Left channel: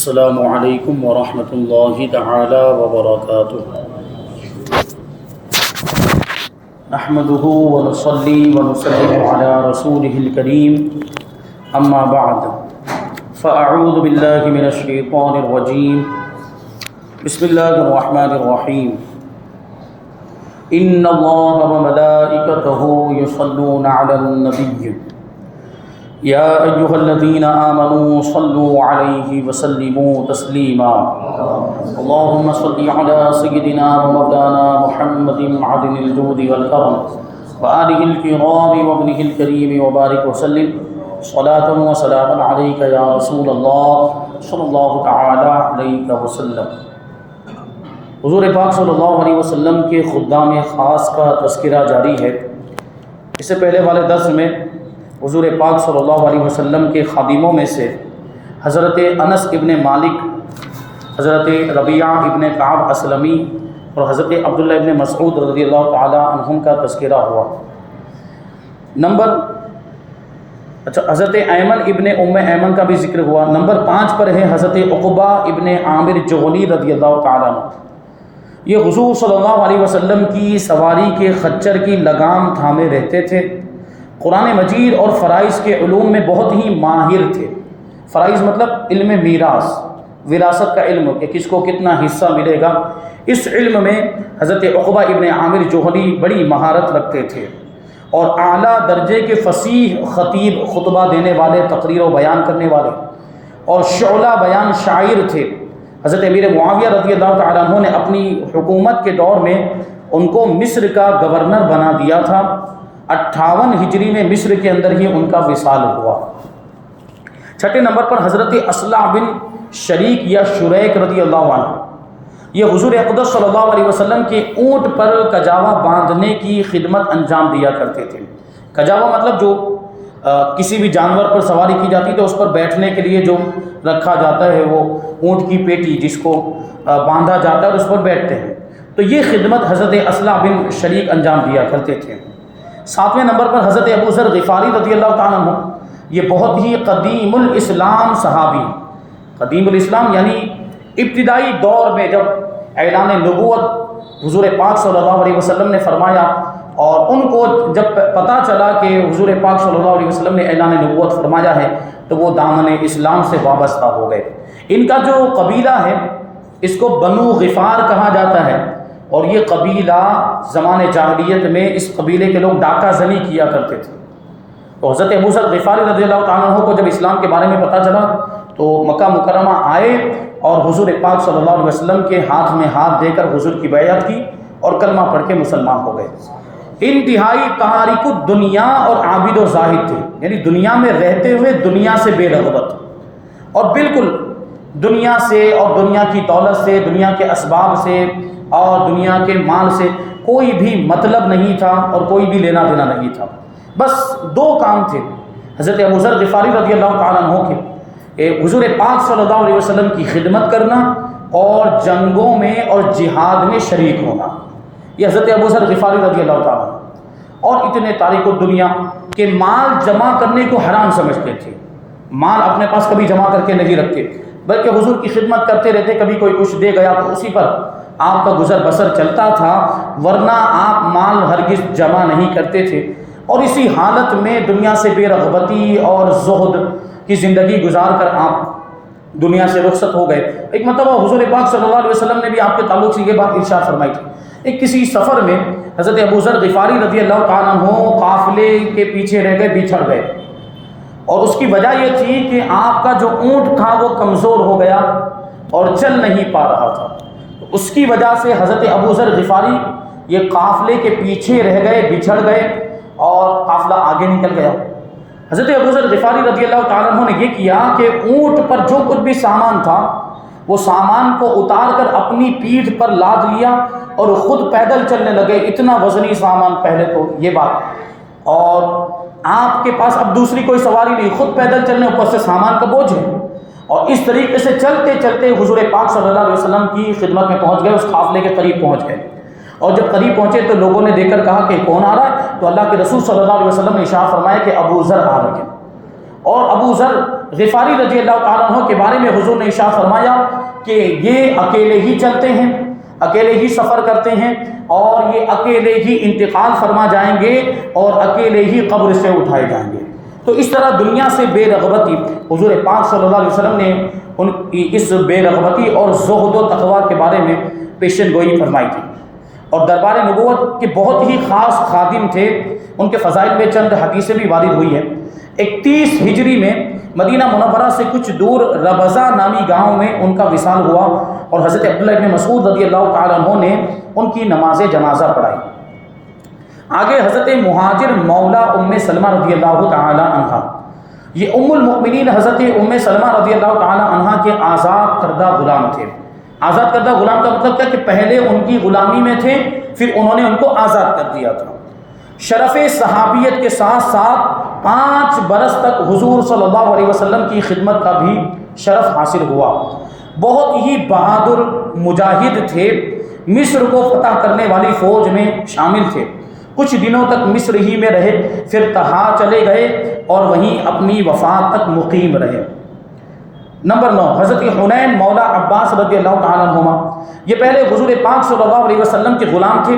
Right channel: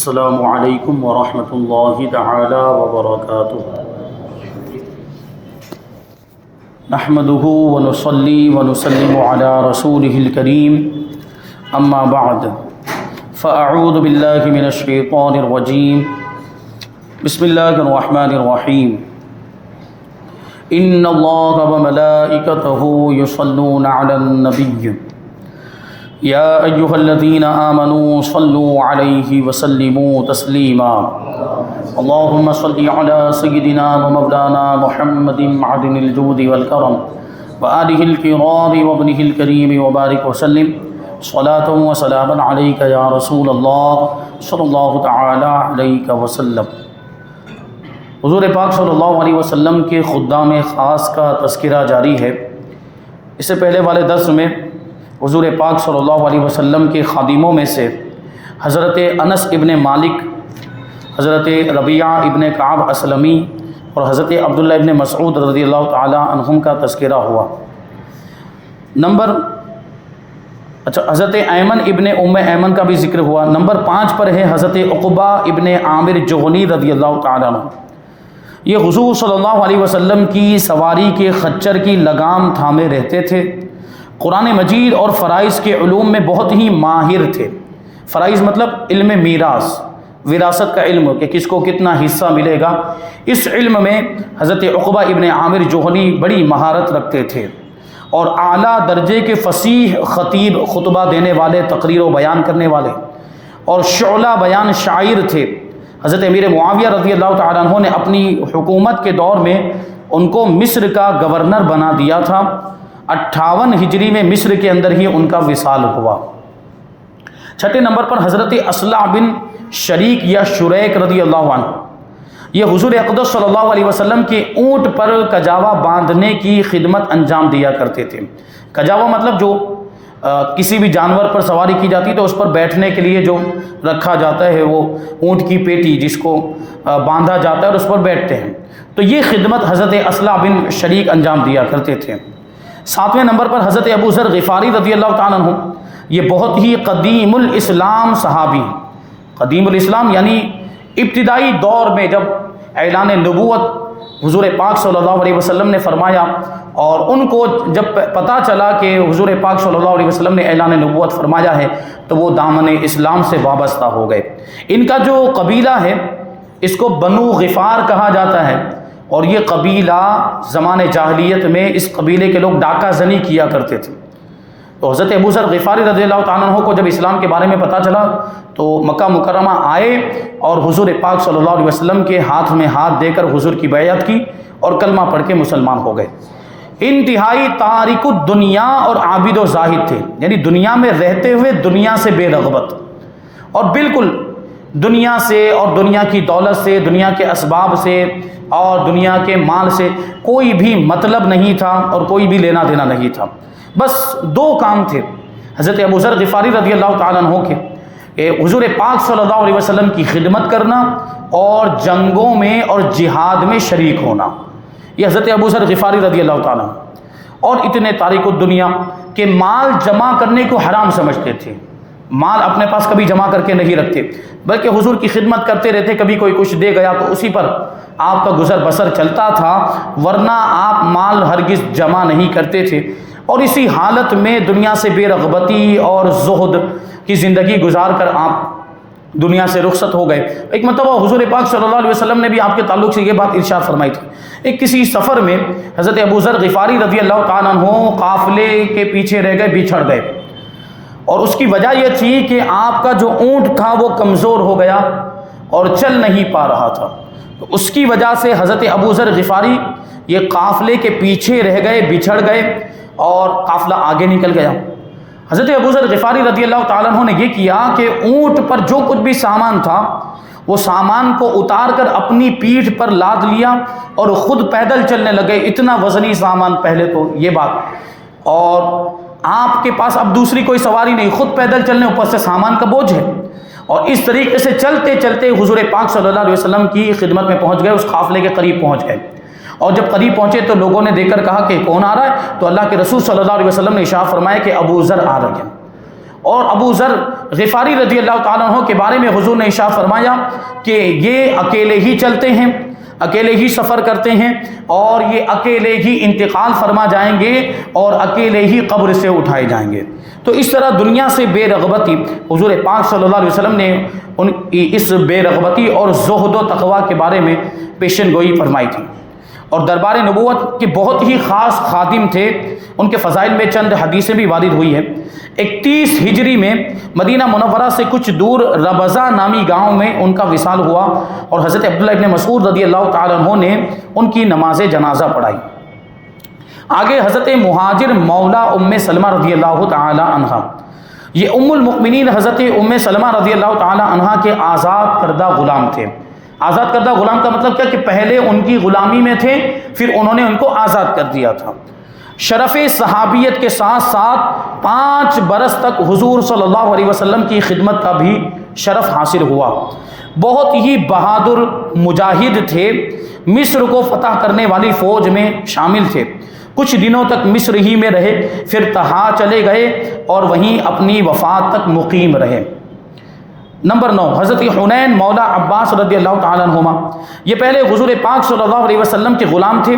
السلام علیکم ورحمۃ اللہ تعالی وبرکاتہ۔ نحمده ونصلي ونسلم على رسوله الكريم اما بعد فاعوذ باللہ من الشیطان الرجیم بسم اللہ الرحمن الرحیم ان اللہ وملائکتہ یصلون علی النبی یا ایہا الذین آمنوا صلوا علیہ وسلموا تسلیما اللہم صل علی سیدنا ومولانا محمد معدن الجود والکرم وآلہ الکرام وابنہ الکریم وبارک وسلم صلاۃ و سلام علیک یا رسول اللہ صلی اللہ تعالی علیہ وسلم۔ حضور پاک صلی اللہ علیہ وسلم کے خدام خاص کا تذکرہ جاری ہے۔ اس سے پہلے والے درس میں حضور پاک صلی اللہ علیہ وسلم کے خادموں میں سے حضرت انس ابن مالک، حضرت ربیعہ ابن کعب اسلمی اور حضرت عبداللہ ابن مسعود رضی اللہ تعالی عنہم کا تذکرہ ہوا۔ حضرت ایمن ابن ام ایمن کا بھی ذکر ہوا۔ نمبر 5 پر ہے حضرت عقبہ ابن عامر جہنی رضی اللہ تعالیٰ عنہ۔ یہ حضور صلی اللہ علیہ وسلم کی سواری کے خچر کی لگام تھامے رہتے تھے۔ قرآن مجید اور فرائض کے علوم میں بہت ہی ماہر تھے۔ فرائض مطلب علم میراث، وراثت کا علم کہ کس کو کتنا حصہ ملے گا، اس علم میں حضرت عقبہ ابن عامر جوہنی بڑی مہارت رکھتے تھے اور اعلیٰ درجے کے فصیح خطیب، خطبہ دینے والے، تقریر و بیان کرنے والے اور شعلہ بیان شاعر تھے۔ حضرت امیر معاویہ رضی اللہ تعالیٰ عنہ نے اپنی حکومت کے دور میں ان کو مصر کا گورنر بنا دیا تھا۔ 58 ہجری میں مصر کے اندر ہی ان کا وصال ہوا۔ 6 نمبر پر حضرت اصلع بن شریک یا شریک رضی اللہ عنہ، یہ حضور اقدس صلی اللہ علیہ وسلم کے اونٹ پر کجاوا باندھنے کی خدمت انجام دیا کرتے تھے۔ کجاوا مطلب جو کسی بھی جانور پر سواری کی جاتی ہے تو اس پر بیٹھنے کے لیے جو رکھا جاتا ہے، وہ اونٹ کی پیٹی جس کو باندھا جاتا ہے اور اس پر بیٹھتے ہیں، تو یہ خدمت حضرت اصلع بن شریک انجام دیا کرتے تھے۔ 7ویں نمبر پر حضرت ابو ذر غفاری رضی اللہ تعالیٰ عنہ، یہ بہت ہی قدیم الاسلام صحابی، قدیم الاسلام یعنی ابتدائی دور میں جب اعلان نبوت حضور پاک صلی اللہ علیہ وسلم نے فرمایا اور ان کو جب پتہ چلا کہ حضور پاک صلی اللہ علیہ وسلم نے اعلان نبوت فرمایا ہے تو وہ دامن اسلام سے وابستہ ہو گئے۔ ان کا جو قبیلہ ہے اس کو بنو غفار کہا جاتا ہے، اور یہ قبیلہ زمان جاہلیت میں اس قبیلے کے لوگ ڈاکہ زنی کیا کرتے تھے۔ تو حضرت ابو ذر غفاری رضی اللہ تعالیٰ عنہ کو جب اسلام کے بارے میں پتہ چلا تو مکہ مکرمہ آئے اور حضور پاک صلی اللہ علیہ وسلم کے ہاتھ میں ہاتھ دے کر حضور کی بیعت کی اور کلمہ پڑھ کے مسلمان ہو گئے۔ انتہائی تارک الدنیا اور عابد و زاہد تھے، یعنی دنیا میں رہتے ہوئے دنیا سے بے رغبت، اور بالکل دنیا سے اور دنیا کی دولت سے، دنیا کے اسباب سے اور دنیا کے مال سے کوئی بھی مطلب نہیں تھا اور کوئی بھی لینا دینا نہیں تھا۔ بس 2 کام تھے حضرت ابو ذر غفاری رضی اللہ تعالیٰ عنہ کے، حضور پاک صلی اللہ علیہ وسلم کی خدمت کرنا اور جنگوں میں اور جہاد میں شریک ہونا۔ یہ حضرت ابو ذر غفاری رضی اللہ تعالیٰ عنہ، اور اتنے تارک الدنیا کہ مال جمع کرنے کو حرام سمجھتے تھے، مال اپنے پاس کبھی جمع کر کے نہیں رکھتے بلکہ حضور کی خدمت کرتے رہتے۔ کبھی کوئی کچھ دے گیا تو اسی پر آپ کا گزر بسر چلتا تھا، ورنہ آپ مال ہرگز جمع نہیں کرتے تھے، اور اسی حالت میں دنیا سے بے رغبتی اور زہد کی زندگی گزار کر آپ دنیا سے رخصت ہو گئے۔ ایک مرتبہ حضور پاک صلی اللہ علیہ وسلم نے بھی آپ کے تعلق سے یہ بات ارشاد فرمائی تھی۔ ایک کسی سفر میں حضرت ابو ذر غفاری رضی اللہ تعالیٰ عنہ قافلے کے پیچھے رہ گئے، بچھڑ گئے، اور اس کی وجہ یہ تھی کہ آپ کا جو اونٹ تھا وہ کمزور ہو گیا اور چل نہیں پا رہا تھا۔ تو اس کی وجہ سے حضرت ابو ذر غفاری یہ قافلے کے پیچھے رہ گئے، بچھڑ گئے اور قافلہ آگے نکل گیا۔ حضرت ابو ذر غفاری رضی اللہ تعالیٰ عنہ نے یہ کیا کہ اونٹ پر جو کچھ بھی سامان تھا وہ سامان کو اتار کر اپنی پیٹھ پر لاد لیا اور خود پیدل چلنے لگے۔ اتنا وزنی سامان پہلے تو یہ بات، اور آپ کے پاس اب دوسری کوئی سواری نہیں، خود پیدل چلنے، اوپر سے سامان کا بوجھ ہے، اور اس طریقے سے چلتے چلتے حضور پاک صلی اللہ علیہ وسلم کی خدمت میں پہنچ گئے، اس قافلے کے قریب پہنچ گئے۔ اور جب قریب پہنچے تو لوگوں نے دیکھ کر کہا کہ کون آ رہا ہے؟ تو اللہ کے رسول صلی اللہ علیہ وسلم نے ارشاد فرمایا کہ ابو ذر آ رہے ہیں، اور ابو ذر غفاری رضی اللہ تعالیٰ عنہ کے بارے میں حضور نے ارشاد فرمایا کہ یہ اکیلے ہی چلتے ہیں، اکیلے ہی سفر کرتے ہیں، اور یہ اکیلے ہی انتقال فرما جائیں گے اور اکیلے ہی قبر سے اٹھائے جائیں گے۔ تو اس طرح دنیا سے بے رغبتی حضور پاک صلی اللہ علیہ وسلم نے ان کی اس بے رغبتی اور زہد و تقوی کے بارے میں پیشن گوئی فرمائی تھی۔ اور دربار نبوت کے بہت ہی خاص خادم تھے، ان کے فضائل میں چند حدیثیں بھی وارد ہوئی ہیں۔ 31 ہجری میں مدینہ منورہ سے کچھ دور ربضہ نامی گاؤں میں ان کا وصال ہوا، اور حضرت عبداللہ ابن مسعود رضی اللہ تعالیٰ عنہ نے ان کی نماز جنازہ پڑھائی۔ آگے حضرت مہاجر مولا ام سلمہ رضی اللہ تعالیٰ عنہ، یہ ام المؤمنین حضرت ام سلمہ رضی اللہ تعالیٰ عنہ کے آزاد کردہ غلام تھے۔ آزاد کردہ غلام کا مطلب کیا کہ پہلے ان کی غلامی میں تھے، پھر انہوں نے ان کو آزاد کر دیا تھا۔ شرف صحابیت کے ساتھ ساتھ 5 برس تک حضور صلی اللہ علیہ وسلم کی خدمت کا بھی شرف حاصل ہوا۔ بہت ہی بہادر مجاہد تھے، مصر کو فتح کرنے والی فوج میں شامل تھے۔ کچھ دنوں تک مصر ہی میں رہے، پھر طہا چلے گئے اور وہیں اپنی وفات تک مقیم رہے۔ نمبر 9، حضرت حنین مولا عباس رضی اللہ تعالیٰ عنہما، یہ پہلے حضور پاک صلی اللہ علیہ وسلم کے غلام تھے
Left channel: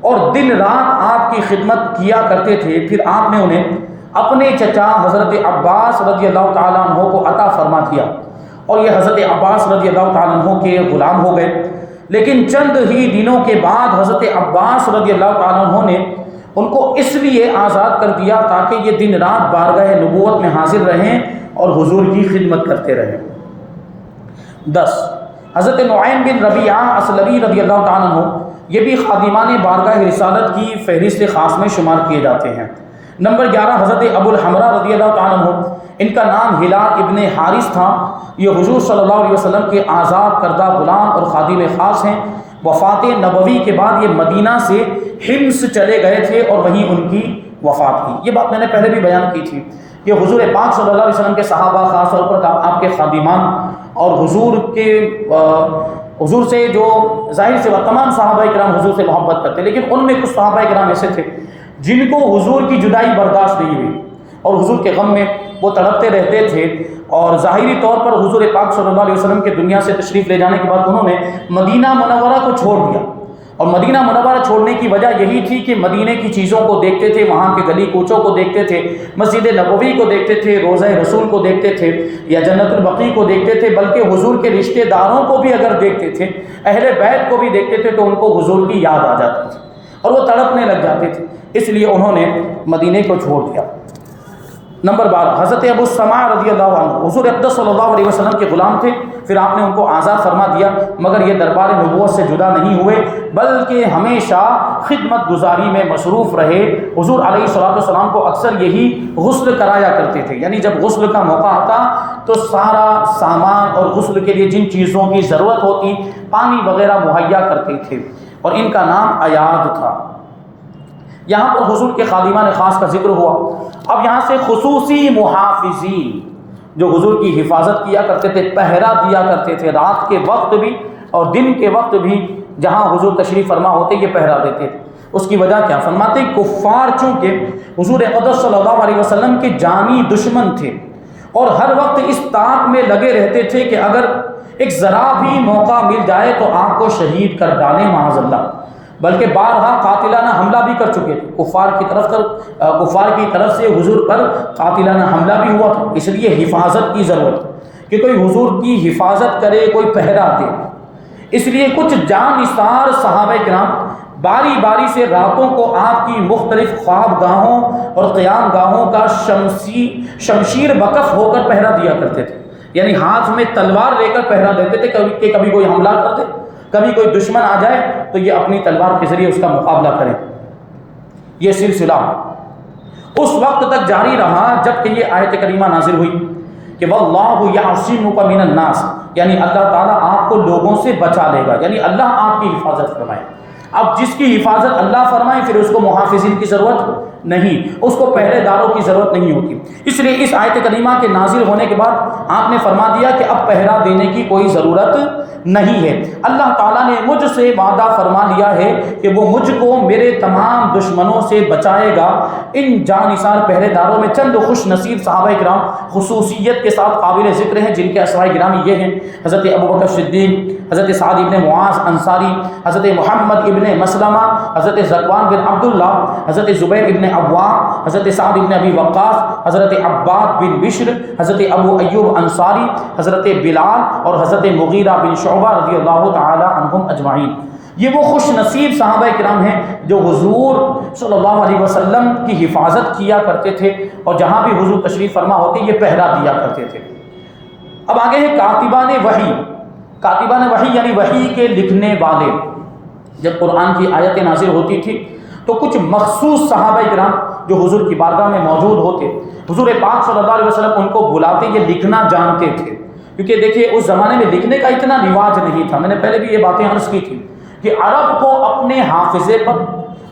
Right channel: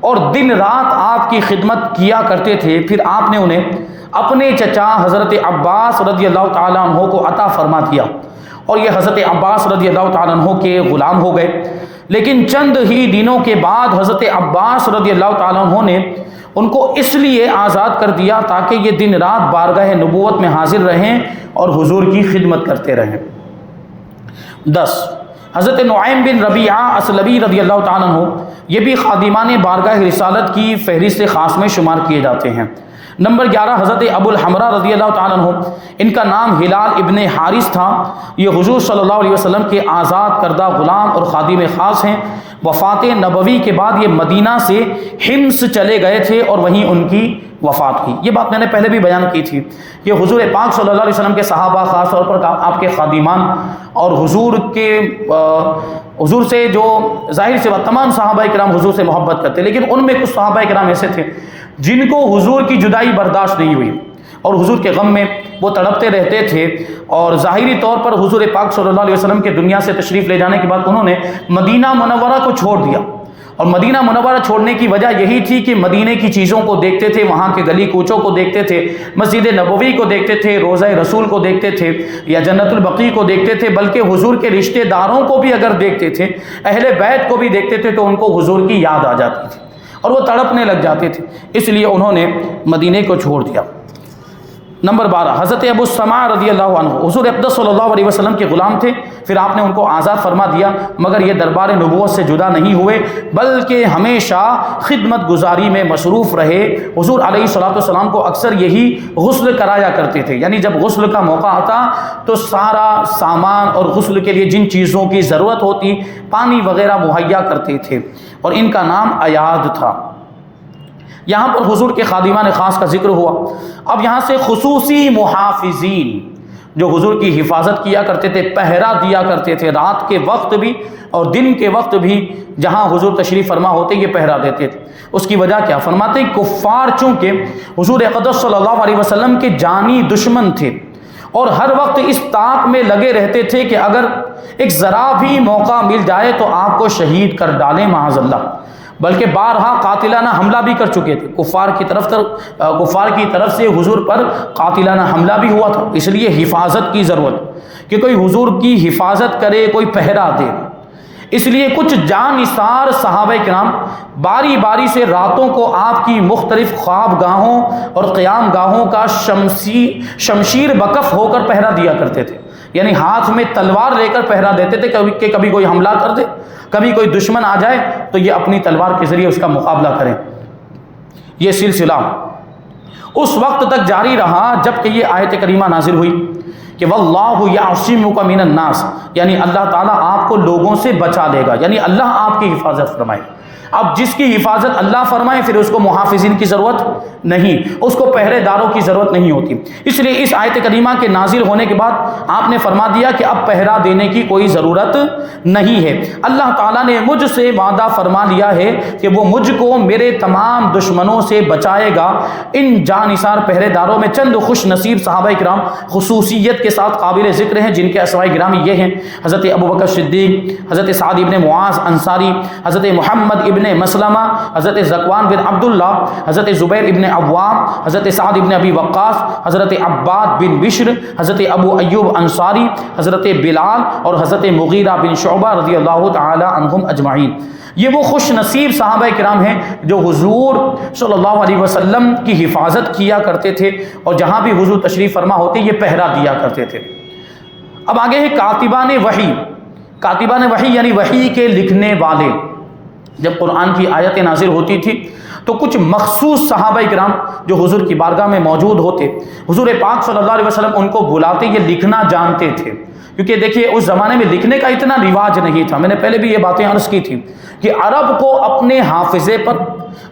اور دن رات آپ کی خدمت کیا کرتے تھے۔ پھر آپ نے انہیں اپنے چچا حضرت عباس رضی اللہ تعالیٰ عنہ کو عطا فرما دیا، اور یہ حضرت عباس رضی اللہ تعالیٰ عنہ کے غلام ہو گئے۔ لیکن چند ہی دنوں کے بعد حضرت عباس رضی اللہ تعالیٰ عنہ نے ان کو اس لیے آزاد کر دیا تاکہ یہ دن رات بارگاہ نبوت میں حاضر رہیں اور حضور کی خدمت کرتے رہیں۔ 10، حضرت نعیم بن ربیعہ اسلمی رضی اللہ تعالیٰ عنہ، یہ بھی خادمان بارگاہ رسالت کی فہرست خاص میں شمار کیے جاتے ہیں۔ نمبر 11، حضرت ابو الحمرہ رضی اللہ تعالیٰ عنہ، ان کا نام ہلال ابن حارث تھا، یہ حضور صلی اللہ علیہ وسلم کے آزاد کردہ غلام اور خادم خاص ہیں۔ وفات نبوی کے بعد یہ مدینہ سے حمص چلے گئے تھے اور وہیں ان کی وفات ہوئی۔ یہ بات میں نے پہلے بھی بیان کی تھی کہ حضور پاک صلی اللہ علیہ وسلم کے صحابہ، خاص طور پر آپ کے خادمان، اور حضور سے جو ظاہر سے تمام صحابہ کرام حضور سے محبت کرتے، لیکن ان میں کچھ صحابہ کرام ایسے تھے جن کو حضور کی جدائی برداشت نہیں ہوئی اور حضور کے غم میں وہ تڑپتے رہتے تھے، اور ظاہری طور پر حضور پاک صلی اللہ علیہ وسلم کے دنیا سے تشریف لے جانے کے بعد انہوں نے مدینہ منورہ کو چھوڑ دیا۔ اور مدینہ منورہ چھوڑنے کی وجہ یہی تھی کہ مدینے کی چیزوں کو دیکھتے تھے، وہاں کے گلی کوچوں کو دیکھتے تھے، مسجد نبوی کو دیکھتے تھے، روضہ رسول کو دیکھتے تھے، یا جنت البقیع کو دیکھتے تھے، بلکہ حضور کے رشتہ داروں کو بھی اگر دیکھتے تھے، اہل بیت کو بھی دیکھتے تھے، تو ان کو حضور کی یاد آ جاتی تھی اور وہ تڑپنے لگ جاتے تھے، اس لیے انہوں نے مدینے کو چھوڑ دیا۔ نمبر 12، حضرت ابو السماع رضی اللہ عنہ، حضور اقدس صلی اللہ علیہ وسلم کے غلام تھے، پھر آپ نے ان کو آزاد فرما دیا، مگر یہ دربار نبوت سے جدا نہیں ہوئے بلکہ ہمیشہ خدمت گزاری میں مصروف رہے۔ حضور علیہ السلام کو اکثر یہی غسل کرایا کرتے تھے، یعنی جب غسل کا موقع آتا تو سارا سامان اور غسل کے لیے جن چیزوں کی ضرورت ہوتی پانی وغیرہ مہیا کرتے تھے، اور ان کا نام ایاد تھا۔ یہاں پر حضور کے خادمان خاص کا ذکر ہوا۔ اب یہاں سے خصوصی محافظین جو حضور کی حفاظت کیا کرتے تھے، پہرا دیا کرتے تھے، رات کے وقت بھی اور دن کے وقت بھی جہاں حضور تشریف فرما ہوتے یہ پہرا دیتے تھے۔ اس کی وجہ کیا؟ فرماتے کفار چونکہ حضور اقدس صلی اللہ علیہ وسلم کے جانی دشمن تھے اور ہر وقت اس طاق میں لگے رہتے تھے کہ اگر ایک ذرا بھی موقع مل جائے تو آپ کو شہید کر ڈالیں معاذ اللہ، بلکہ بارہا قاتلانہ حملہ بھی کر چکے تھے۔ کفار کی طرف سے حضور پر قاتلانہ حملہ بھی ہوا تھا، اس لیے حفاظت کی ضرورت کہ کوئی حضور کی حفاظت کرے، کوئی پہرا دے۔ اس لیے کچھ جانثار صحابہ کرام باری باری سے راتوں کو آپ کی مختلف خواب گاہوں اور قیام گاہوں کا شمشیر بکف ہو کر پہرا دیا کرتے تھے، یعنی ہاتھ میں تلوار لے کر پہرا دیتے تھے کہ کبھی کوئی حملہ کر دے، کبھی کوئی دشمن آ جائے تو یہ اپنی تلوار کے ذریعے اس کا مقابلہ کریں۔ یہ سلسلہ اس وقت تک جاری رہا جب کہ یہ آیت کریمہ نازل ہوئی کہ واللہ یعصمک من الناس، یعنی اللہ تعالیٰ آپ کو لوگوں سے بچا لے گا، یعنی اللہ آپ کی حفاظت فرمائے۔ اب جس کی حفاظت اللہ فرمائے پھر اس کو محافظین کی ضرورت نہیں، اس کو پہرے داروں کی ضرورت نہیں ہوتی۔ اس لیے اس آیت کریمہ کے نازل ہونے کے بعد آپ نے فرما دیا کہ اب پہرا دینے کی کوئی ضرورت نہیں ہے۔ اللہ تعالیٰ نے مجھ سے وعدہ فرما لیا ہے کہ وہ مجھ کو میرے تمام دشمنوں سے بچائے گا۔ ان جانثار پہرے داروں میں چند خوش نصیب صحابہ کرام خصوصیت کے ساتھ قابل ذکر ہیں، جن کے اسماء گرامی یہ ہیں: حضرت ابوبکر صدیق، حضرت سعد ابن معاذ انصاری، حضرت محمد ابن مسلمہ، حضرت ذکوان بن عبداللہ، حضرت زبیر ابن عوام، حضرت سعد ابن ابی وقاص، حضرت عباد بن بشر، حضرت ابو ایوب انصاری، حضرت بلال اور حضرت مغیرہ بن شعبہ رضی اللہ تعالی عنہم اجمعین۔ یہ وہ خوش نصیب صحابہ کرام ہیں جو حضور صلی اللہ علیہ وسلم کی حفاظت کیا کرتے تھے، اور جہاں بھی حضور تشریف فرما ہوتے یہ پہرا دیا کرتے تھے۔ اب آگے ہے کاتبان وحی۔ کاتبان وحی یعنی وحی کے لکھنے والے۔ جب قرآن کی آیتیں نازل ہوتی تھی تو کچھ مخصوص صحابہ کرام جو حضور کی بارگاہ میں موجود ہوتے، حضور پاک صلی اللہ علیہ وسلم ان کو بلاتے، یہ لکھنا جانتے تھے، کیونکہ دیکھیے اس زمانے میں لکھنے کا اتنا رواج نہیں تھا۔ میں نے پہلے بھی یہ باتیں عرض کی تھی کہ عرب کو اپنے حافظے پر،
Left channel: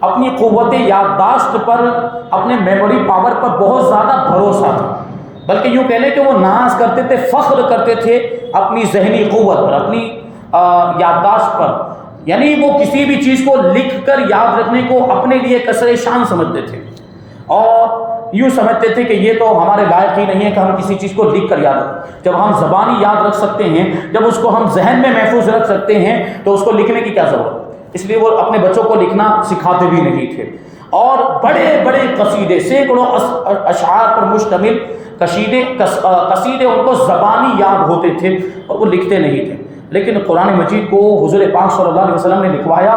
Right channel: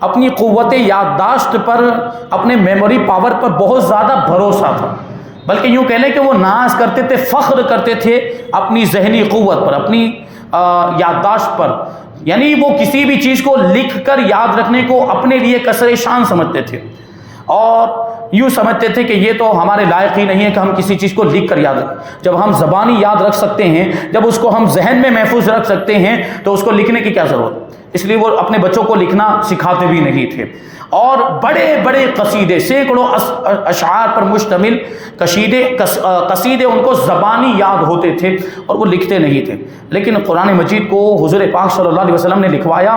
اپنی قوت یادداشت پر، اپنے میموری پاور پر بہت زیادہ بھروسہ تھا، بلکہ یوں کہہ لیں کہ وہ ناز کرتے تھے، فخر کرتے تھے اپنی ذہنی قوت پر، اپنی یادداشت پر، یعنی وہ کسی بھی چیز کو لکھ کر یاد رکھنے کو اپنے لیے کسر شان سمجھتے تھے، اور یوں سمجھتے تھے کہ یہ تو ہمارے لائق ہی نہیں ہے کہ ہم کسی چیز کو لکھ کر یاد رکھیں۔ جب ہم زبانی یاد رکھ سکتے ہیں، جب اس کو ہم ذہن میں محفوظ رکھ سکتے ہیں، تو اس کو لکھنے کی کیا ضرورت؟ اس لیے وہ اپنے بچوں کو لکھنا سکھاتے بھی نہیں تھے، اور بڑے بڑے قصیدے، سینکڑوں اشعار پر مشتمل قصیدے ان کو زبانی یاد ہوتے تھے اور وہ لکھتے نہیں تھے۔ لیکن قرآن مجید کو حضور پاک صلی اللہ علیہ وسلم نے لکھوایا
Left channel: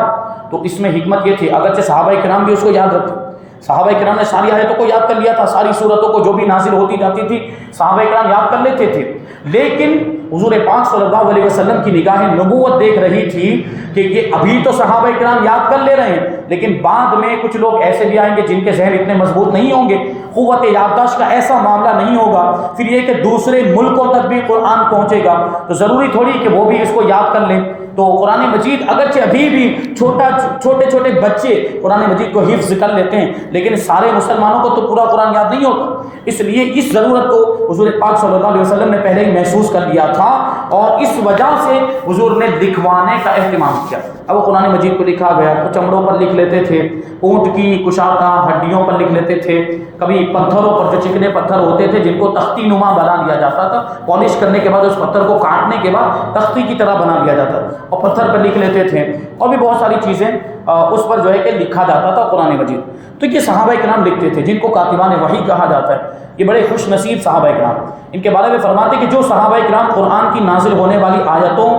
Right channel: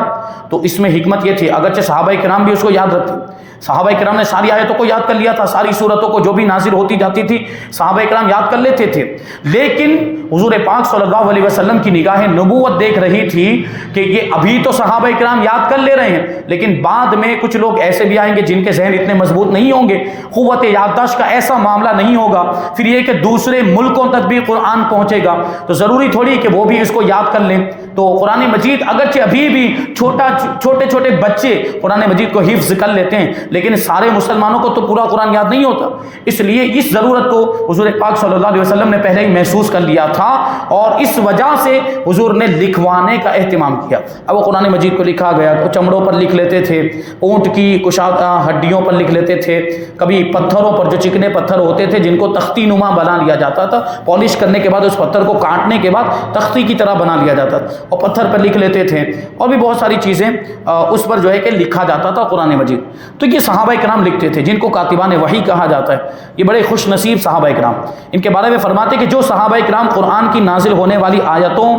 تو اس میں حکمت یہ تھی، اگرچہ صحابہ کرام بھی اس کو یاد رکھتے، صحابہ کرام نے ساری آیتوں کو یاد کر لیا تھا، ساری صورتوں کو جو بھی نازل ہوتی جاتی تھی صحابہ کرام یاد کر لیتے تھے، لیکن حضور پاک صلی اللہ علیہ وسلم کی نگاہ نبوت دیکھ رہی تھی کہ یہ ابھی تو صحابہ کرام یاد کر لے رہے ہیں، لیکن بعد میں کچھ لوگ ایسے بھی آئیں گے جن کے ذہن اتنے مضبوط نہیں ہوں گے، قوت یادداشت کا ایسا معاملہ نہیں ہوگا، پھر یہ کہ دوسرے ملکوں تک بھی قرآن پہنچے گا، تو ضروری تھوڑی کہ وہ بھی اس کو یاد کر لیں۔ تو قرآن مجید اگرچہ ابھی بھی چھوٹے چھوٹے بچے قرآن مجید کو حفظ کر لیتے ہیں، لیکن سارے مسلمانوں کو تو پورا قرآن یاد نہیں ہوتا، اس لیے اس ضرورت کو حضور پاک صلی اللہ علیہ وسلم نے پہلے ہی محسوس کر لیا تھا، اور اس وجہ سے حضور نے لکھوانے کا اہتمام کیا۔ اب وہ قرآن مجید کو لکھا گیا تو چمڑوں پر لکھ لیتے تھے، اونٹ کی کشادہ ہڈیوں پر لکھ لیتے تھے، کبھی پتھروں پر، جو چکنے پتھر ہوتے تھے جن کو تختی نما بنا لیا جاتا تھا، پالش کرنے کے بعد اس پتھر کو کاٹنے کے بعد تختی کی طرح بنا لیا جاتا تھا، اور پتھر پر لکھ لیتے تھے، اور بھی بہت ساری چیزیں اس پر جو ہے کہ لکھا جاتا تھا قرآن مجید۔ تو یہ صحابہ کرام لکھتے تھے جن کو کاتبان وحی کہا جاتا ہے، یہ بڑے خوش نصیب صحابہ کرام۔ ان کے بارے میں فرماتے کہ جو صحابہ کرام قرآن کی نازل ہونے والی آیتوں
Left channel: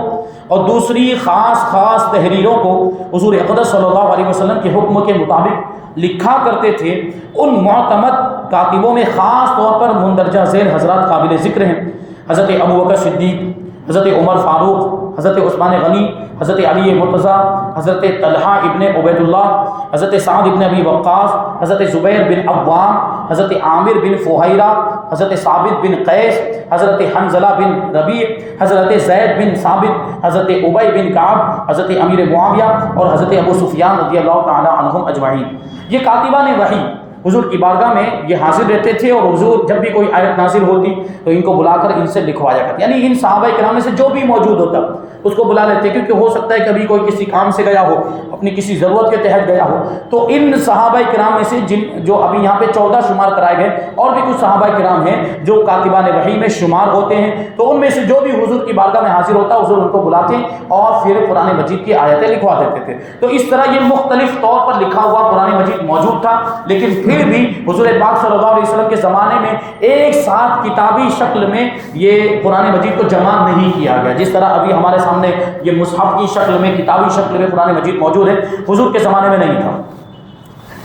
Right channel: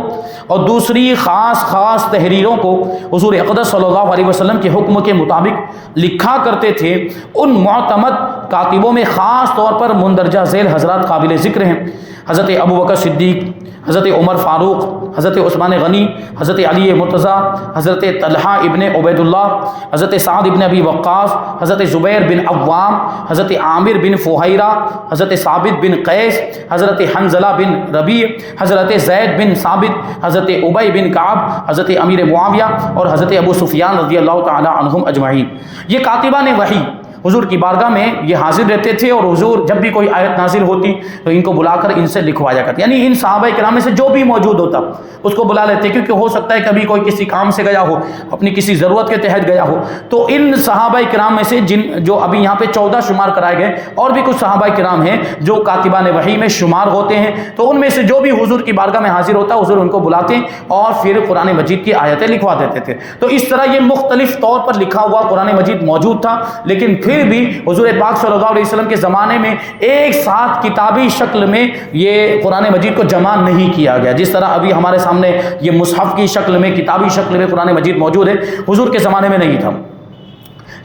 اور دوسری خاص تحریروں کو حضور اقدس صلی اللہ علیہ وسلم کے حکم کے مطابق لکھا کرتے تھے، ان معتمد کاتبوں میں خاص طور پر مندرجہ ذیل حضرات قابل ذکر ہیں: حضرت ابوبکر صدیق، حضرت عمر فاروق، حضرت عثمان غنی، حضرت علی مرتضیٰ، حضرت طلحہ ابن عبید اللہ، حضرت سعد ابن ابی وقاص، حضرت زبیر بن عوام، حضرت عامر بن فہیرہ، حضرت ثابت بن قیس، حضرت حنظلہ بن ربیع، حضرت زید بن ثابت، حضرت ابی بن کعب، حضرت امیر معاویہ اور حضرت ابو سفیان رضی اللہ تعالی عنہم اجمعین۔ یہ کاتبان وحی حضور کی بارگاہ میں یہ حاضر رہتے تھے، اور حضور جب بھی کوئی آیت نازل ہوتی تو ان کو بلا کر ان سے لکھوایا کرتے، یعنی ان صحابہ کرام میں سے جو بھی موجود ہوتا اس کو بلا لیتے، کیونکہ ہو سکتا ہے کبھی کوئی کسی کام سے گیا ہو، اپنی کسی ضرورت کے تحت گیا ہو، تو ان صحابہ کرام میں سے جو ابھی یہاں پہ 14 شمار کرائے گئے، اور بھی کچھ صحابہ کرام ہیں جو کاتبان وحی میں شمار ہوتے ہیں، تو ان میں سے جو بھی حضور کی بارگاہ میں حاضر ہوتا حضور ان کو بلاتے اور پھر قرآن مجید کی آیتیں لکھوا دیتے تھے۔ تو اس طرح یہ مختلف طور پر لکھا ہوا قرآن مجید موجود تھا، لیکن پھر بھی حضور پاک صلی اللہ علیہ وسلم کے زمانے میں ایک ساتھ کتابی شکل میں یہ قرآن مجید کو جمع نہیں کیا گیا، جس طرح ابھی ہمارے سامنے یہ مصحف کی شکل میں، کتابی شکل میں قرآن مجید موجود ہے، حضور کے زمانے میں نہیں تھا۔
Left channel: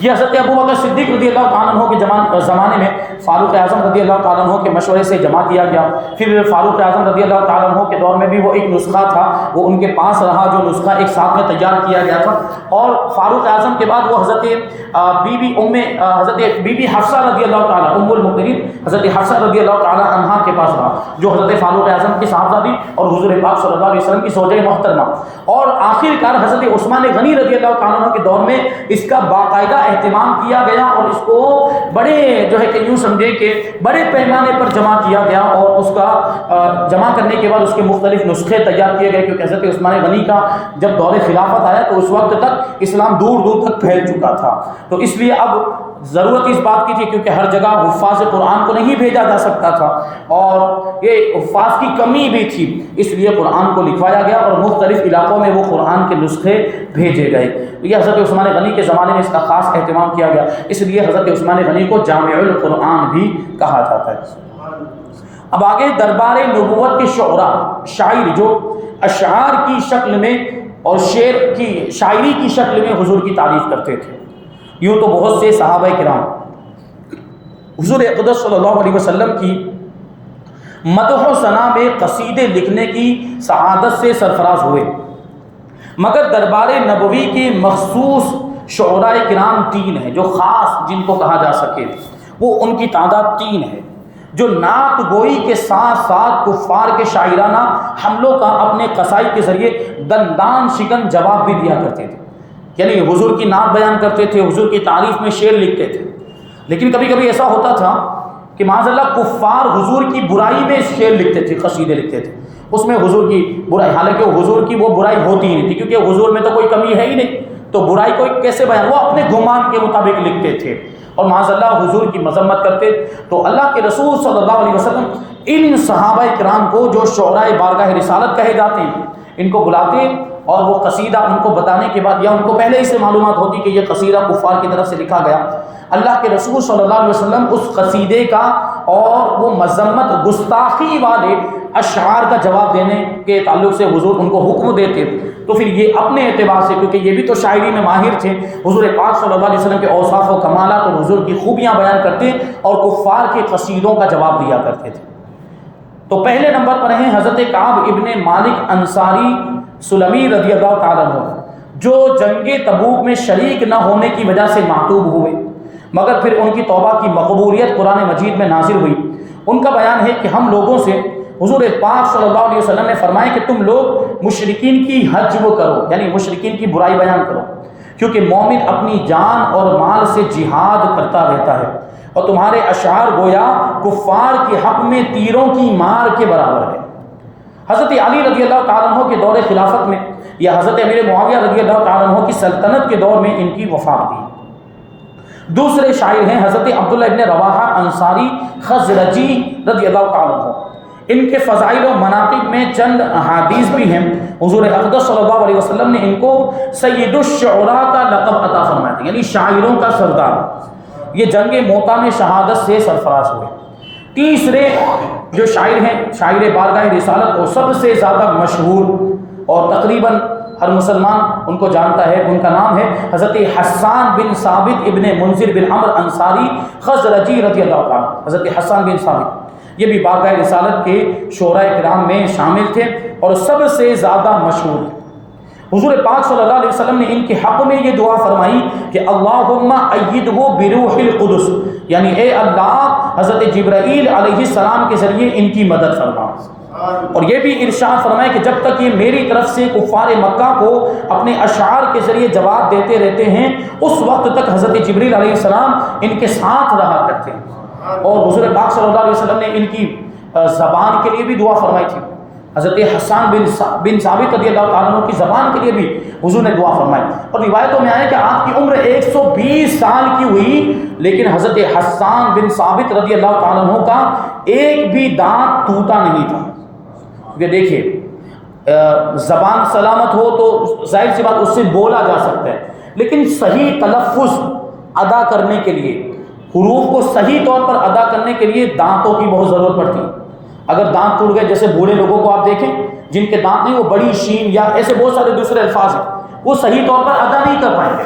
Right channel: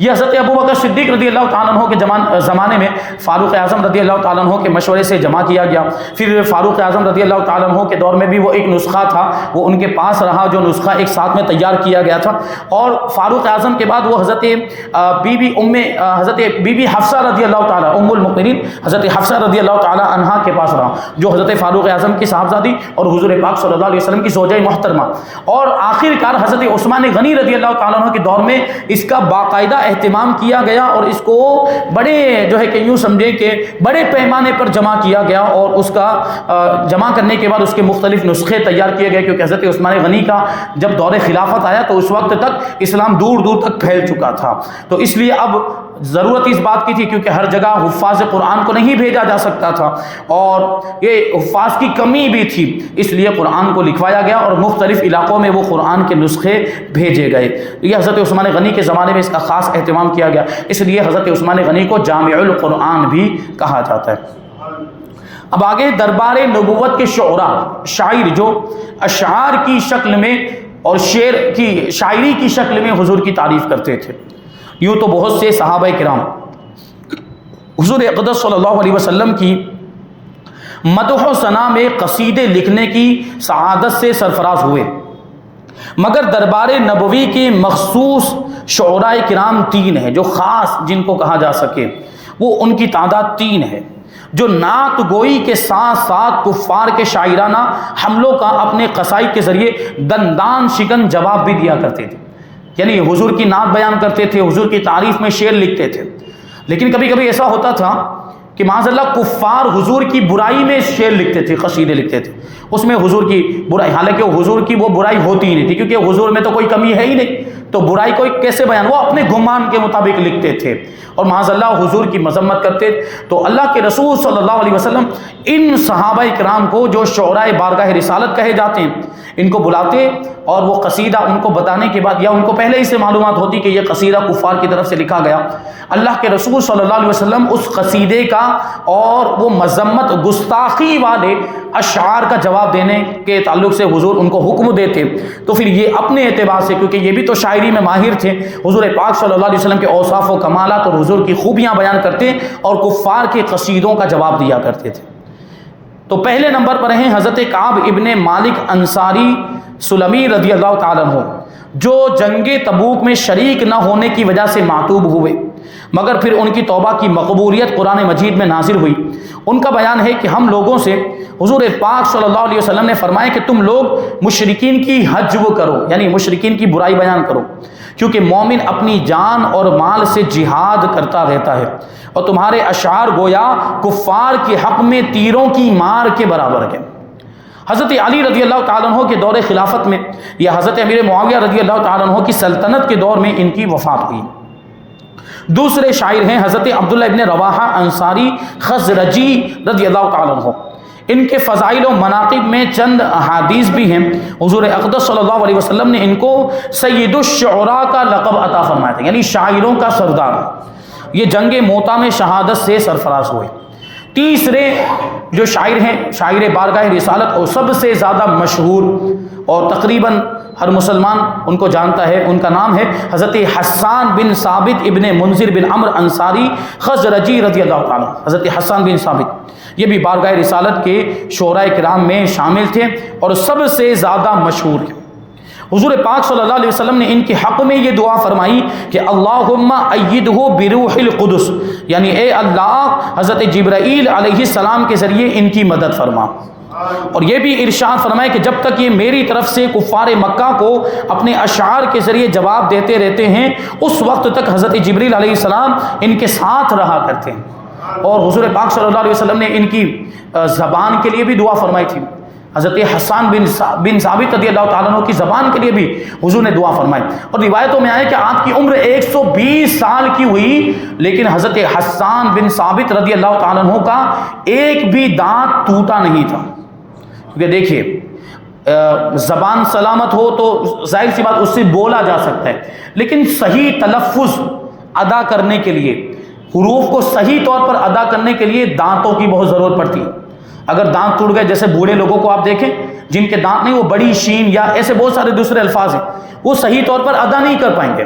یہ حضرت ابو بکر صدیق رضی اللہ تعالیٰ عنہ کے زمانے میں فاروق اعظم رضی اللہ تعالیٰ عنہ کے مشورے سے جمع کیا گیا. پھر فاروق اعظم رضی اللہ تعالیٰ عنہ کے دور میں بھی وہ ایک نسخہ تھا وہ ان کے پاس رہا جو نسخہ ایک ساتھ میں تیار کیا گیا تھا. اور فاروق اعظم کے بعد وہ حضرت بی بی حفصہ رضی اللہ تعالیٰ ام المؤمنین حضرت حفصہ رضی اللہ تعالیٰ عنہ کے پاس رہا جو حضرت فاروق اعظم کی صاحبزادی اور حضور پاک صلی اللہ علیہ وسلم کی زوجہ محترمہ. اور آخر کار حضرت عثمان غنی رضی اللہ تعالیٰ عنہ کے دور میں اس کا باقاعدہ اہتمام کیا گیا اور اس کو بڑے جو ہے کہ یوں سمجھے کہ بڑے پیمانے پر جمع کیا گیا اور اس کا جمع کرنے کے بعد اس کے مختلف نسخے تیار کیے گئے کیونکہ حضرت عثمان غنی کا جب دور خلافت آیا تو اس وقت تک اسلام دور دور تک پھیل چکا تھا. تو اس لیے اب ضرورت اس بات کی تھی کیونکہ ہر جگہ حفاظ قرآن کو نہیں بھیجا جا سکتا تھا اور یہ حفاظ کی کمی بھی تھی اس لیے قرآن کو لکھوایا گیا اور مختلف علاقوں میں وہ قرآن کے نسخے بھیجے گئے. یہ حضرت عثمان غنی کے زمانے میں اس کا خاص اہتمام کیا گیا اس لیے حضرت عثمان غنی کو جامع القرآن بھی کہا جاتا ہے. اب آگے دربار نبوت کے شعراء شاعر جو اشعار کی شکل میں اور شعر کی شاعری کی شکل میں حضور کی تعریف کرتے تھے. یوں تو بہت سے صحابہ کرام حضور اقدس صلی اللہ علیہ وسلم کی مدح و ثنا میں قصیدے لکھنے کی سعادت سے سرفراز ہوئے مگر دربار نبوی کے مخصوص شعراء کرام 3 ہیں جو خاص جن کو کہا جا سکے. وہ ان کی تعداد 3 ہے جو نعت گوئی کے ساتھ ساتھ کفار کے شاعرانہ حملوں کا اپنے قصائد کے ذریعے دندان شکن جواب بھی دیا کرتے تھے. یعنی حضور کی نعت بیان کرتے تھے حضور کی تعریف میں شعر لکھتے تھے. لیکن کبھی کبھی ایسا ہوتا تھا کہ معاذ اللہ کفار حضور کی برائی میں شعر لکھتے تھے قصیدے لکھتے تھے اس میں حضور کی برائی حالانکہ حضور کی وہ برائی ہوتی ہی نہیں تھی کیونکہ حضور میں تو کوئی کمی ہے ہی نہیں تو برائی کو کیسے بیان وہ اپنے گمان کے مطابق لکھتے تھے اور معاذ اللہ حضور کی مذمت کرتے. تو اللہ کے رسول صلی اللہ علیہ وسلم ان صحابہ کرام کو جو شعراء بارگاہ رسالت کہے جاتے ہیں ان کو بلاتے اور وہ قصیدہ ان کو بتانے کے بعد یا ان کو پہلے ہی سے معلومات ہوتی کہ یہ قصیدہ کفار کی طرف سے لکھا گیا. اللہ کے رسول صلی اللہ علیہ وسلم اس قصیدے کا اور وہ مذمت گستاخی والے اشعار کا جواب دینے کے تعلق سے حضور ان کو حکم دیتے. تو پھر یہ اپنے اعتبار سے کیونکہ یہ بھی تو شاعری میں ماہر تھے حضور پاک صلی اللہ علیہ وسلم کے اوصاف و کمالات اور حضور کی خوبیاں بیان کرتے اور کفار کے قصیدوں کا جواب دیا کرتے تھے. تو پہلے نمبر پر ہیں حضرت کعب ابن مالک انصاری سلمی رضی اللہ تعالیٰ عنہ جو جنگ تبوک میں شریک نہ ہونے کی وجہ سے معتوب ہوئے مگر پھر ان کی توبہ کی مقبولیت قرآن مجید میں نازل ہوئی. ان کا بیان ہے کہ ہم لوگوں سے حضور پاک صلی اللہ علیہ وسلم نے فرمایا کہ تم لوگ مشرکین کی حجب کرو یعنی مشرکین کی برائی بیان کرو کیونکہ مومن اپنی جان اور مال سے جہاد کرتا رہتا ہے اور تمہارے اشعار گویا کفار کے حق میں تیروں کی مار کے برابر ہے. حضرت علی رضی اللہ تعالیٰ عنہ کے دور خلافت میں یا حضرت امیر معاویہ رضی اللہ تعالیٰ عنہ کی سلطنت کے دور میں ان کی وفات ہوئی. دوسرے شاعر ہیں حضرت عبداللہ ابن رواحہ انصاری خزرجی رضی اللہ تعالیٰ عنہ. ان کے فضائل و مناقب میں چند احادیث بھی ہیں. حضور اقدس صلی اللہ علیہ وسلم نے ان کو سید الشعراء کا لقب عطا فرمایا تھا یعنی شاعروں کا سردار. یہ جنگ موتا میں شہادت سے سرفراز ہوئے. تیسرے جو شاعر ہیں شاعر بارگاہ رسالت اور سب سے زیادہ مشہور اور تقریباً ہر مسلمان ان کو جانتا ہے ان کا نام ہے حضرت حسان بن ثابت ابن منذر بن عمر انصاری خزرجی رضی اللہ تعالیٰ. حضرت حسان بن ثابت یہ بھی بارگاہ رسالت کے شعراء کرام میں شامل تھے اور سب سے زیادہ مشہور ہیں. حضور پاک صلی اللہ علیہ وسلم نے ان کے حق میں یہ دعا فرمائی کہ اللہم ایدہ بروح القدس یعنی اے اللہ حضرت جبرائیل علیہ السلام کے ذریعے ان کی مدد فرما. اور یہ بھی ارشاد فرمائے کہ جب تک یہ میری طرف سے کفار مکہ کو اپنے اشعار کے ذریعے جواب دیتے رہتے ہیں اس وقت تک حضرت جبریل علیہ السلام ان کے ساتھ رہا کرتے ہیں. اور حضور پاک صلی اللہ علیہ وسلم نے ان کی زبان کے لیے بھی دعا فرمائی تھی. حضرت حسان بن ثابت رضی اللہ تعالیٰ عنہ کی زبان کے لیے بھی حضور نے دعا فرمائی. اور روایتوں میں آیا کہ آپ کی عمر 120 سال کی ہوئی لیکن حضرت حسان بن ثابت رضی اللہ تعالیٰ عنہ کا ایک بھی دانت ٹوٹا نہیں تھا. کیونکہ دیکھیے زبان سلامت ہو تو ظاہر سی بات اس سے بولا جا سکتا ہے لیکن صحیح تلفظ ادا کرنے کے لیے حروف کو صحیح طور پر ادا کرنے کے لیے دانتوں کی بہت ضرورت پڑتی ہے. اگر دانت ٹوٹ گئے جیسے بوڑھے لوگوں کو آپ دیکھیں جن کے دانت نہیں وہ بڑی شین یا ایسے بہت سارے دوسرے الفاظ ہیں وہ صحیح طور پر ادا نہیں کر پائیں گے.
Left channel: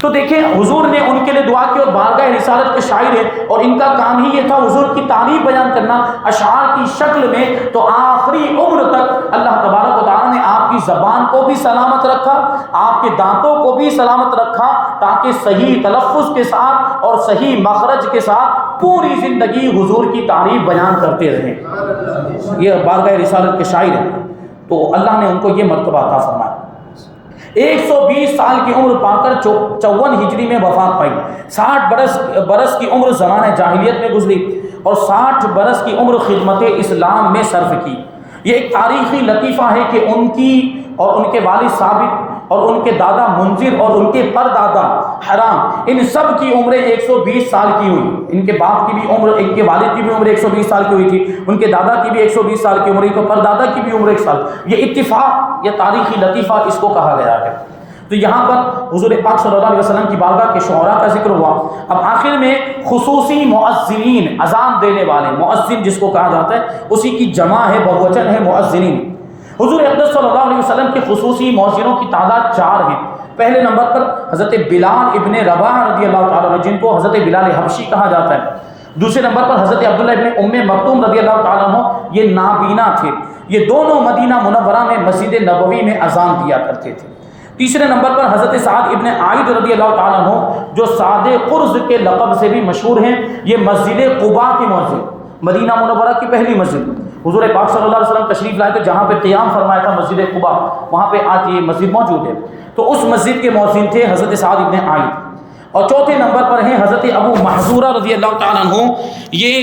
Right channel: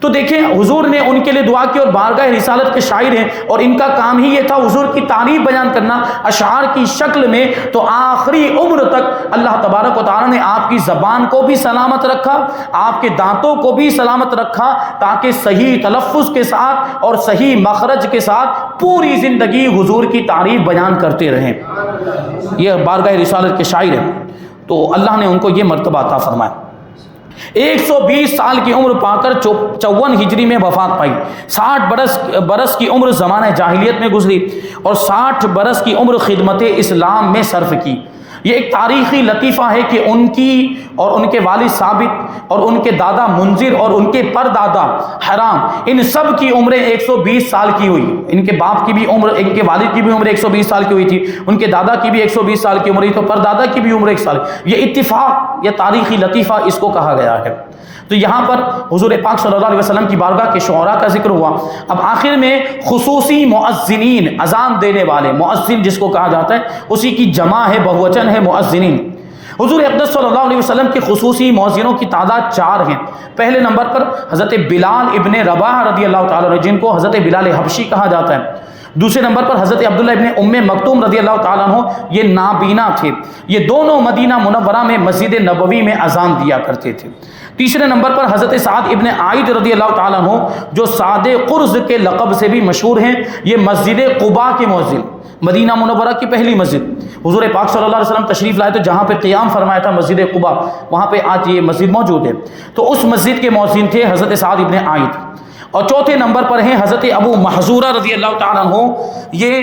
تو دیکھیں حضور نے ان کے لیے دعا کی، اور بارگاہ رسالت کے شاعر ہیں اور ان کا کام ہی یہ تھا حضور کی تعریف بیان کرنا اشعار کی شکل میں. تو آخری عمر تک اللہ تبارک و تعالیٰ نے آپ کی زبان کو بھی سلامت رکھا، آپ کے دانتوں کو بھی سلامت رکھا، تاکہ صحیح تلفظ کے ساتھ اور صحیح مخرج کے ساتھ پوری زندگی حضور کی تعریف بیان کرتے رہیں. یہ بارگاہ رسالت کے شاعر ہیں. تو اللہ نے ان کو یہ مرتبہ عطا فرمایا. 120 سال کی عمر پا کر 54 ہجری میں وفات پائی. 60 برس کی عمر زمانہ جاہلیت میں گزری اور 60 برس کی عمر خدمت اسلام میں صرف کی. یہ ایک تاریخی لطیفہ ہے کہ ان کی اور ان کے والد ثابت اور ان کے دادا منذر اور ان کے پردادا حرام، ان سب کی عمریں 120 سال کی ہوئی. ان کے باپ کی بھی عمر، ان کے والد کی بھی عمر 120 سال کی ہوئی تھی، ان کے دادا کی بھی 120 سال کی عمر ہوئی، تو پردادا کی بھی عمر 1 سال. یہ اتفاق، یہ تاریخی لطیفہ اس کو کہا گیا ہے. تو یہاں پر حضور پاک صلی اللہ علیہ وسلم کی بارگاہ کے شعراء کا ذکر ہوا. اب آخر میں خصوصی مؤذنین، اذان دینے والے، مؤذن جس کو کہا جاتا ہے اسی کی جمع ہے، بہوچن ہے مؤذنین. حضور اقدس صلی اللہ علیہ وسلم کے خصوصی مؤذنوں کی تعداد 4 ہیں. پہلے نمبر پر حضرت بلال ابن رباح رضی اللہ تعالیٰ عنہ، جن کو حضرت بلال حبشی کہا جاتا ہے. دوسرے نمبر پر حضرت عبداللہ ابن ام مکتوم رضی اللہ تعالیٰ عنہ، یہ نابینا تھے. یہ دونوں مدینہ منورہ میں مسجد نبوی میں اذان دیا کرتے تھے. تیسرے نمبر پر حضرت سعد ابن عائد رضی اللہ تعالیٰ عنہ، جو سعد قرز کے لقب سے بھی مشہور ہیں. یہ مسجد قباء کے مؤذن، مدینہ منورہ کی پہلی مسجد. حضور پاک صلی اللہ علیہ وسلم تشریف لائے تو جہاں پہ قیام فرمایا تھا مسجد قباء، وہاں پہ آج یہ مسجد موجود ہے. تو اس مسجد کے مؤذن تھے حضرت سعد ابن عائد. اور چوتھے نمبر پر ہیں حضرت ابو محذورہ رضی اللہ تعالیٰ عنہ. یہ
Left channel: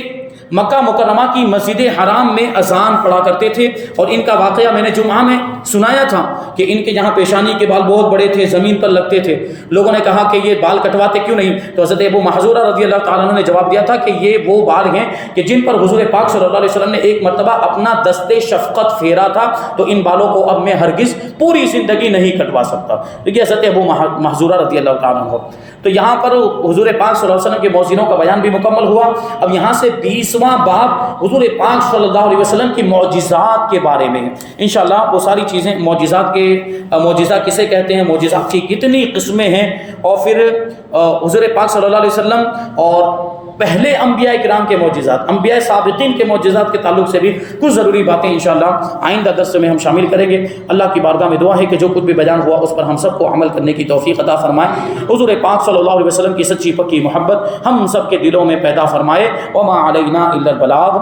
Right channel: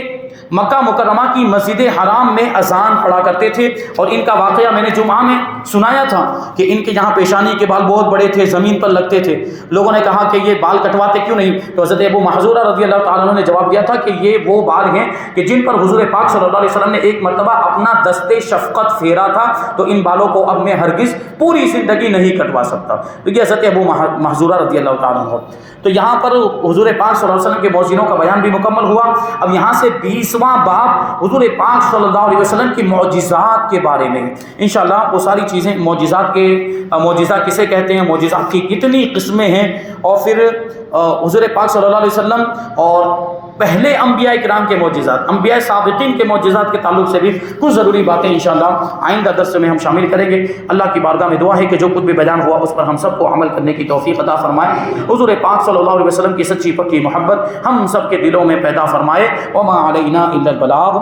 مکہ مکرمہ کی مسجد حرام میں اذان پڑھا کرتے تھے. اور ان کا واقعہ میں نے جمعہ میں سنایا تھا کہ ان کے یہاں پیشانی کے بال بہت بڑے تھے، زمین پر لگتے تھے. لوگوں نے کہا کہ یہ بال کٹواتے کیوں نہیں؟ تو حضرت ابو محذورہ رضی اللہ تعالیٰ عنہ نے جواب دیا تھا کہ یہ وہ بال ہیں کہ جن پر حضور پاک صلی اللہ علیہ وسلم نے ایک مرتبہ اپنا دست شفقت پھیرا تھا، تو ان بالوں کو اب میں ہرگز پوری زندگی نہیں کٹوا سکتا. دیکھیے حضرت ابو محذورہ رضی اللہ تعالیٰ عنہ. تو یہاں پر حضور پاک صلی اللہ علیہ وسلم کے مؤذنوں کا بیان بھی مکمل ہوا. اب یہاں سے 20واں باب حضور پاک صلی اللہ علیہ وسلم کی معجزات کے بارے میں ہے. انشاءاللہ وہ ساری چیزیں، معجزہ کسے کہتے ہیں، معجزات کی کتنی قسمیں ہیں، اور پھر حضور پاک صلی اللہ علیہ وسلم اور پہلے انبیاء کرام کے معجزات، انبیاء سابقین کے معجزات کے تعلق سے بھی کچھ ضروری باتیں انشاءاللہ آئندہ درس میں ہم شامل کریں گے. اللہ کی بارگاہ میں دعا ہے کہ جو کچھ بھی بیان ہوا اس پر ہم سب کو عمل کرنے کی توفیق عطا فرمائے. حضور پاک صلی اللہ علیہ وسلم کی سچی پکی محبت ہم سب کے دلوں میں پیدا فرمائے. وما علینا الا البلاغ.